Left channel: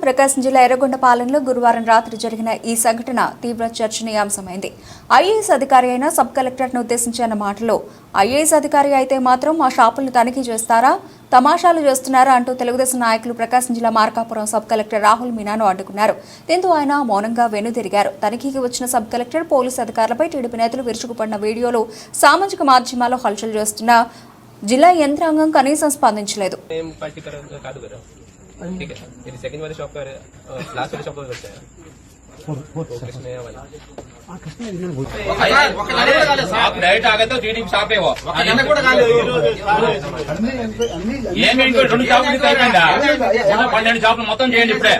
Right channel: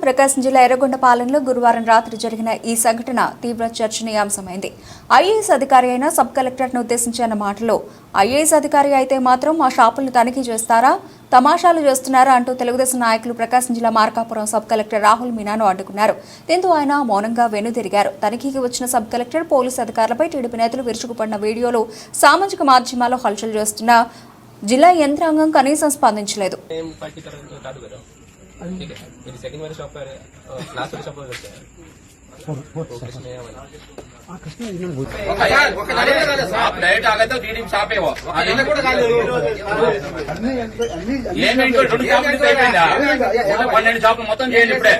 ప్రకాశం జిల్లా ఎర్రగొండపాలెంలో గురువారం రాత్రి జరిగిన ఈ సంఘటన తీవ్ర చర్చనీయాంశమైంది. ఐఏఎస్ అధికారి అయిన సబ్ కలెక్టర్ను ఉద్దేశించిన మాటలో ఐఏఎస్ అధికారి అయితే మాత్రం మా షాపులను తనిఖీ చేస్తారా తమాషాలు చేస్తున్నారా అంటూ తెలుగుదేశం నాయకులు ప్రకాశం జిల్లా మార్కాపురం సబ్ కలెక్టర్ రాహుల్ మీనాను అడ్డుకున్నారు. దీంతో ఆయన మౌనంగా వెనుదిరిగారు. తనిఖీకి వచ్చిన సబ్ కలెక్టర్ పోలీసు అధికారులపై టీడీపీ నేతలు విరుచుకుపడిన వీడియోలు సామాజిక మాధ్యమాల్లో హల్చల్ చేస్తున్న జిల్లా యంత్రాంగం కనీసం స్పందించలేదు. ठीक है तेरी सेकंड वाली షాప్ పన్నెండు షాపులు మొత్తం చేయండి ఇప్పుడే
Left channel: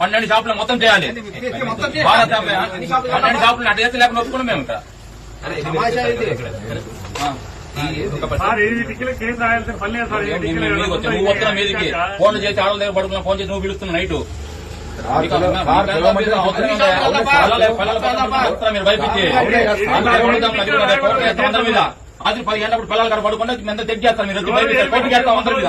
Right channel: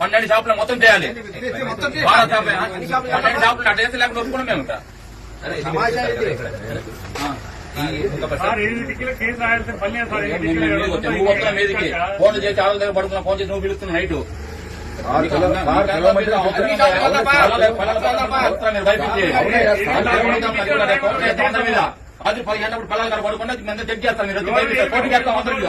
పన్నెండు షాపులు మొత్తం చేయాలి పన్నెండు షాపులు అడ్డ లేకుండా ఒప్పుకున్నాం మేము ఇక్కడ నువ్వు వస్తున్నా మీదికి ఫోన్లు చేసి ఆడల దగ్గర పడుకున్నా ఫోన్ చేసి నువ్వు పిలుస్తున్నావు నైట్. మీరు అది పది గంటప్పుడు పిల్లలు గారు పడుకుంటే మేము చెక్ చేస్తాం మీరు? చేస్తాం అందరి మీద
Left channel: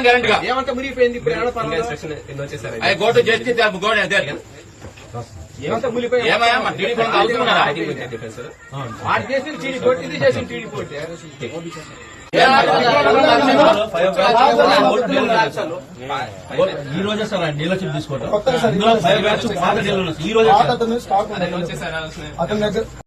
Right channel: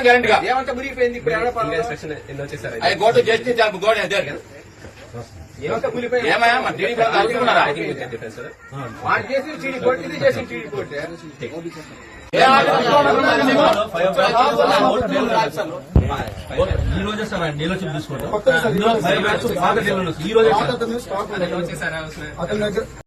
గ్యారెంటీగా ఏమంటే మునిగిపోయింది ఇప్పుడు ఏడపాలలో ఇన్స్ట్రక్షన్ ఎన్ని వచ్చేసారు? అది కోర్టు చేసి గోడ ఈ రోజే సార్ ఆయన డీలర్షిప్ డీలర్స్ ఈ రోజే